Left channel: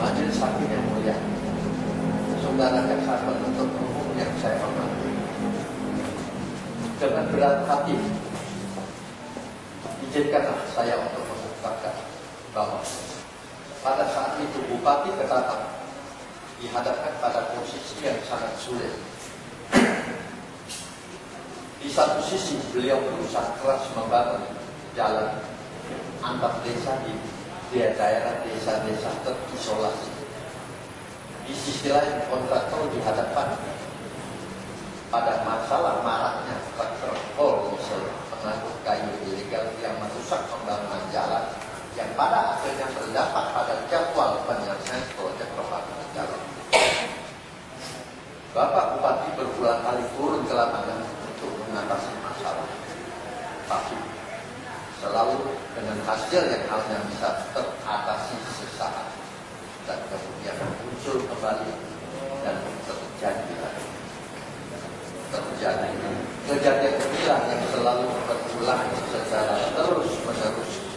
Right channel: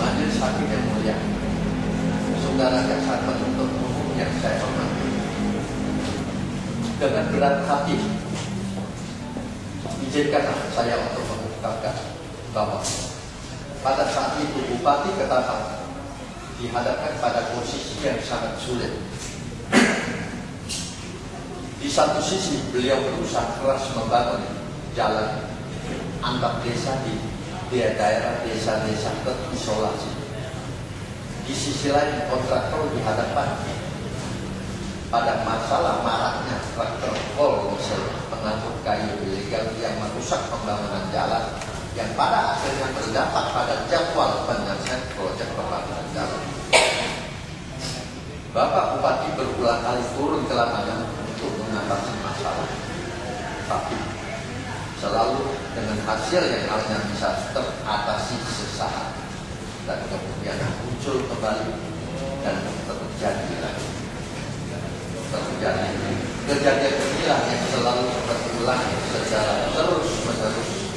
Majelis Hakim yang mulia, saudara jaksa penuntut umum yang saya hormati, dengan berat hati izinkanlah saya untuk mengungkapkan bahwa pada saat itu Bupati Ketapang dihadapkan pada posisi yang sangat sulit. Di satu sisi beliau berusaha keras membangun jalan antar desa di daerah desa-desa terisolasi. Di sisi lain kontraktor dihadapkan pada masalah maraknya traktor diesel pengangkut kayu ilegal yang merusak pembangunan jalan yang pada akhirnya berdampak pada jadwal penyelesaian proyek pembangunan jalan. Bapak Bupati berulang kali turun ke lapangan untuk mengatasi masalah, tapi selalu dengan hasil yang hanya bisa teratasi sesaat dan kemudian muncul kembali dan terjadi lagi. Kejadian inilah yang selalu berulang secara terus-menerus.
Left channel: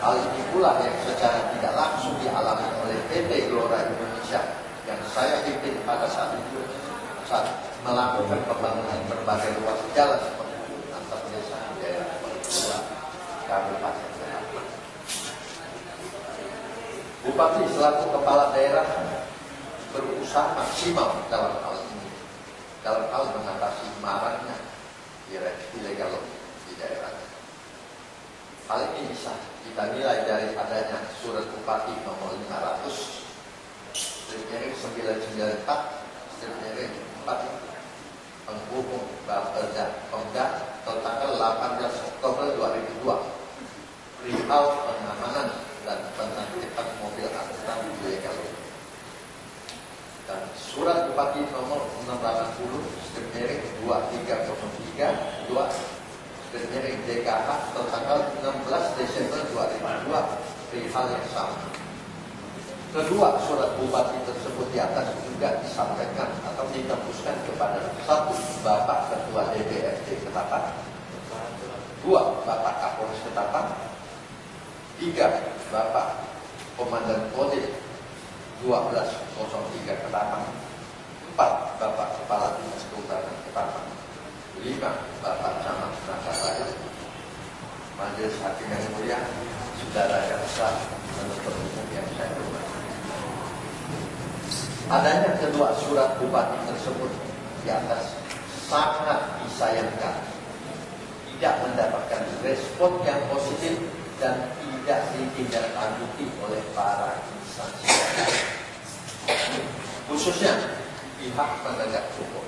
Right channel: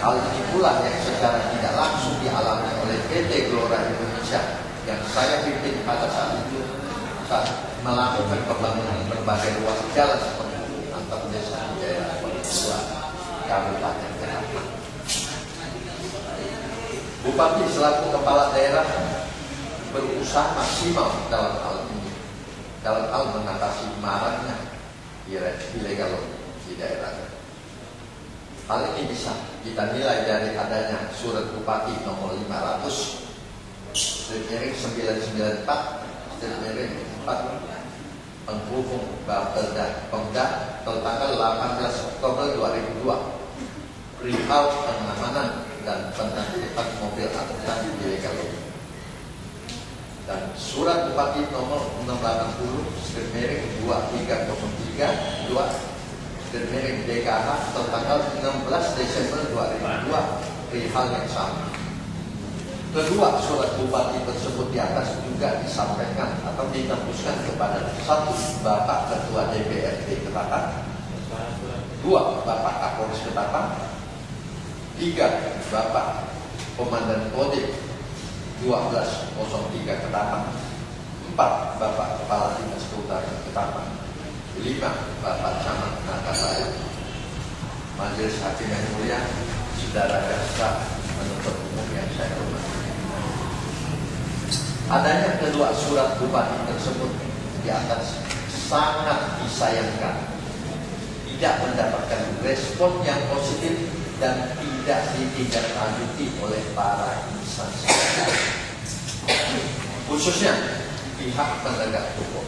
Hal ini pula yang secara tidak langsung dialami oleh PT Gelora Indonesia yang saya pimpin pada saat itu saat melakukan pembangunan berbagai ruas jalan seperti antar desa di daerah Palembang, Kabupaten Ketapang. Bupati selaku kepala daerah berusaha maksimal dalam hal ini, dalam hal mengatasi maraknya ilegal di daerahnya. Hal ini bisa kita nilai dari adanya surat Bupati nomor 500/994/4 penghubung Bapeda Pemda tanggal 18 Oktober 2002 perihal pengamanan dan penertiban mobil angkutan ilegal, dan surat Bupati nomor 680/2303/2/DKH tanggal 16 Desember 2002 perihal yang sama. Kedua surat bupati tersebut di atas juga disampaikan atau ditembuskan kepada 1. Bapak Ketua DPRD Ketapang, 2. Bapak Kapolres Ketapang, 3. Bapak Komandan Kodim 1203 Ketapang, 4. Bapak Kepala Dinas Kehutanan Ketapang, 5. Bapak Camat Nakasaya. Majelis Hakim yang mulia, saudara jaksa penuntut umum yang saya hormati, adanya kedua surat bupati tersebut di atas sangat disayangkan tidak mendapatkan respon yang positif dan tidak ditindaklanjuti oleh para instansi, khususnya pihak penegak hukum.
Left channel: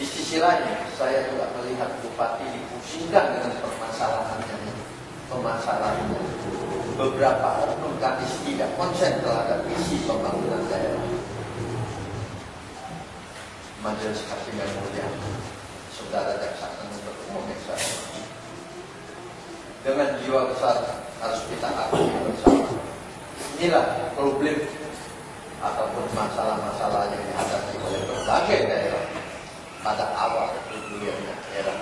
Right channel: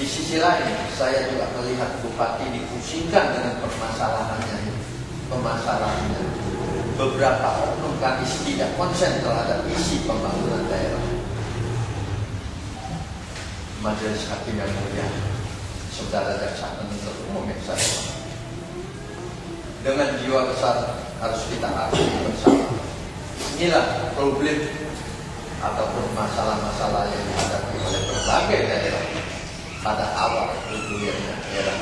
Di sisi lain, saya juga melihat bupati dipusingkan dengan permasalahannya. Beberapa oknum kadis tidak konsen terhadap isi pembangunan daerah. Majelis Hakim yang mulia, saudara jaksa penuntut umum yang saya hormati, dengan jiwa besar harus kita akui bersama. Inilah problem ataupun masalah-masalah yang dihadapi oleh berbagai daerah pada awal berdirinya daerah.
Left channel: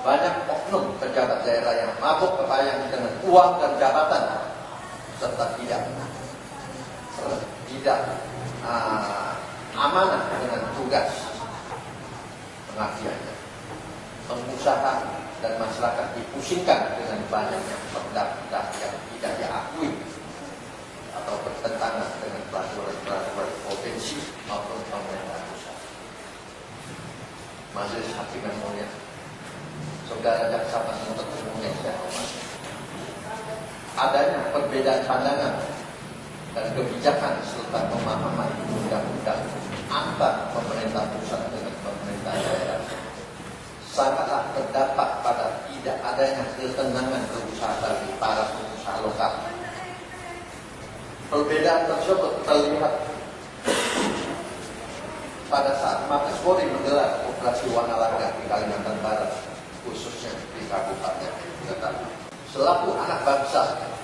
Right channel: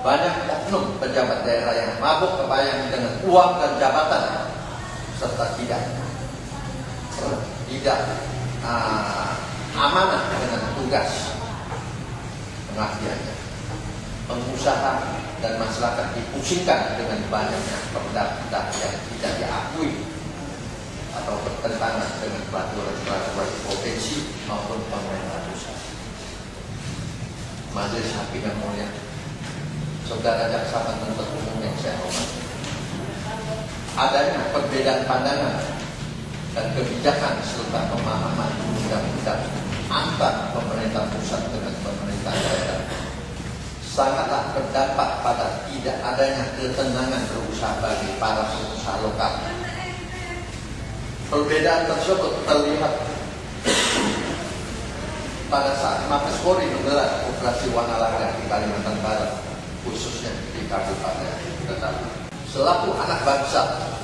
Banyak oknum pejabat daerah yang mabuk kepayang dengan uang dan jabatan serta tidak amanah dengan tugas pengabdiannya. Pengusaha dan masyarakat dipusingkan dengan banyaknya perda-perda yang tidak diakui atau bertentangan dengan peraturan provinsi maupun pemerintah pusat. Majelis Hakim yang mulia, saudara jaksa penuntut umum yang saya hormati, adanya perbedaan pandangan dan kebijakan serta pemahaman undang-undang antar pemerintah pusat dengan pemerintah daerah sangatlah berdampak pada tidak adanya ketenangan berusaha bagi para pengusaha lokal. Perbedaan tersebut terlihat pada saat Mabes Polri menggelar operasi Wanalaga di Kalimantan Barat, khususnya di Kabupaten Ketapang. Selaku anak bangsa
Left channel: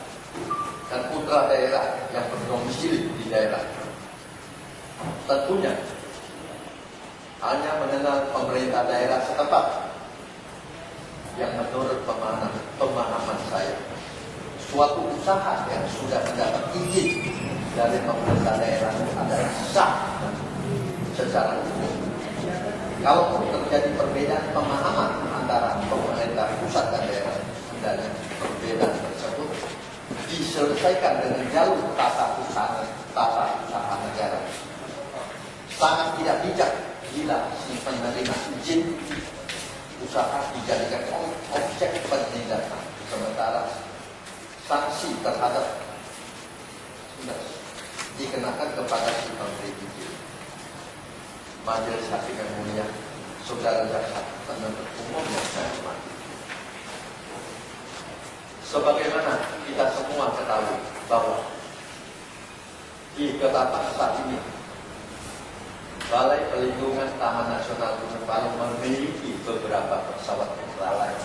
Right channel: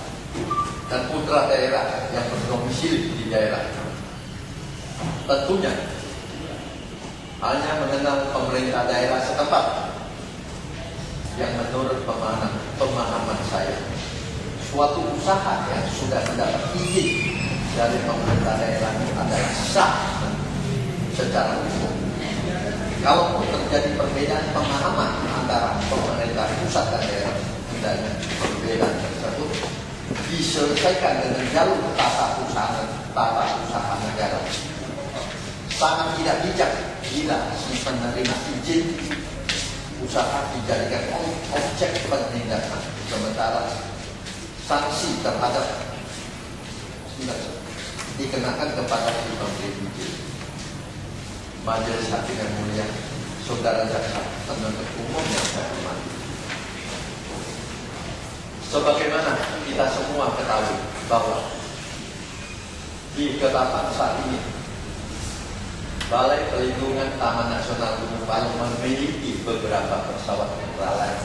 dan putra daerah yang berdomisili di daerah, tentunya hanya mengenal pemerintah daerah setempat yang menurut pemahaman saya suatu usaha yang sudah mendapat izin dari pemerintah daerah adalah sah secara hukum. Kalaupun terjadi perbedaan pemahaman antara pemerintah pusat dan daerah, hendaknya perbedaan tersebut diselesaikan dengan jalur tata usaha negara. Sangat tidak bijak bila si penerima izin usaha dijadikan objek penindakan, sementara sanksi terhadap dikenakan kepada si pemberi izin. Majelis Hakim yang mulia, saudara jaksa penuntut umum yang saya hormati, sebagaimana kita semua ketahui bahwa di Ketapang saat ini Balai Pelindungan Taman Nasional Gunung Palung memiliki beberapa pesawat ultralight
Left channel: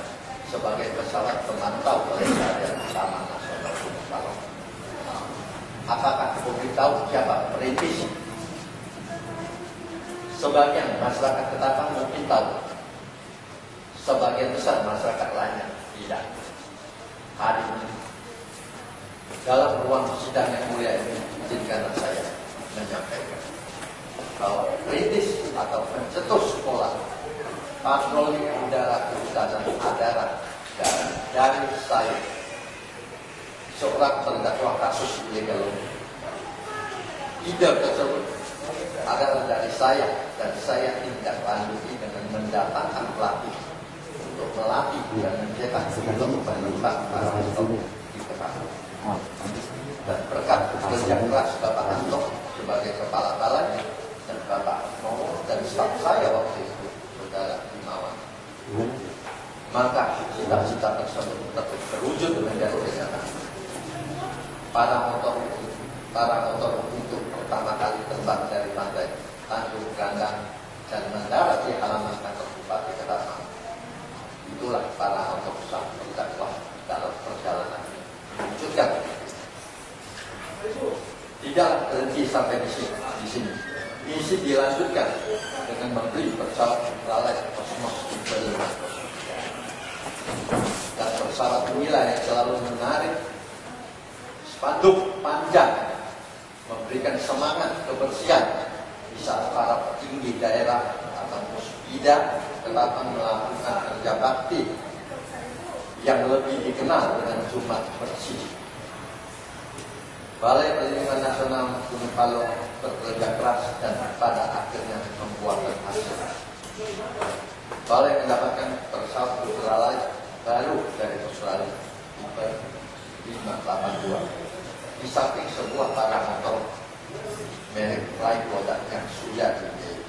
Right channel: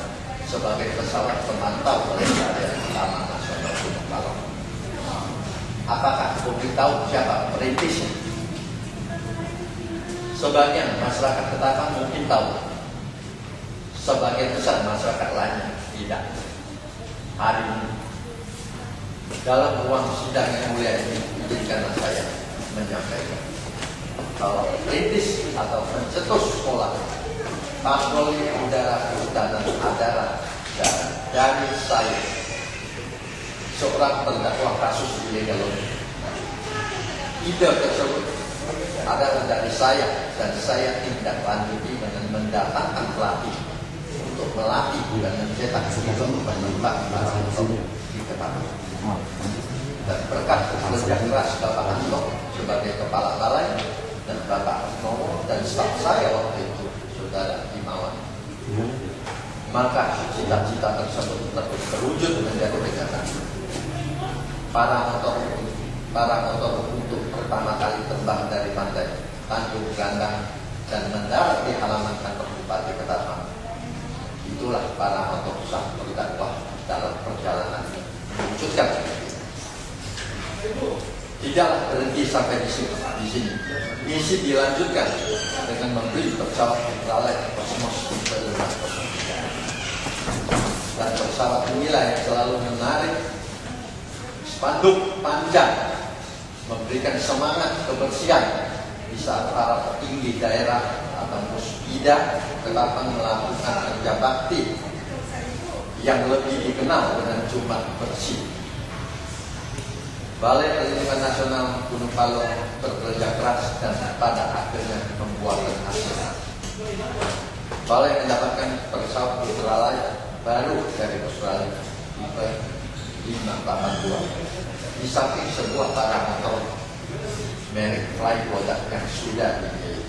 sebagai pesawat pemantau pelestarian Taman Nasional Gunung Palung. Apakah publik tahu siapa perintisnya? Sebagian masyarakat Ketapang mungkin tahu, sebagian besar masyarakat lainnya tidak. Hari ini dalam ruang sidang yang mulia ini, izinkanlah saya menyampaikan bahwa perintis atau pencetus pola patroli udara dan adara dari saya, seorang terdakwa kasus ilegal ini. Ide tersebut adalah dari saya, dan saya tindak lanjuti dengan mendatangkan pelatih untuk melatih dan mencetak film penembak para motor di Ketapang. Dan berkat kerja keras Bapak Anto sebagai kepala balai dan Bapak Nomo dan staf saya waktu itu, Saudara Himawan, maka cita-cita tersebut terus terwujud menjadi kenyataan. Para motor untuk pertama kali terbang dari pantai Tanjung Gandang dan mendarat di halaman kantor Bupati Ketapang. Itulah para motor sah berdakwah dalam perjalanan mewujudkan. Tidaklah berhenti sampai di sini. Misi dilanjutkan dengan membeli pesawat ultralight Cosmos tipe 503 dan pesawat inilah yang selalu menarik spanduk panjang memberikan semangat kebersihan di saat para petinggi daerah atau Puspida Ketapang melakukan kerja bakti yang lebih dikenal dengan Jumat Bersih. Balai Pelindungan Nasional Gunung Palung bekerja keras dan pada akhirnya membuahkan hasil. Balai mendapatkan pesawat ultralight baru dari Australia tipe 582 di samping sebuah paramotor merek Flyboda yang sudah dimiliki.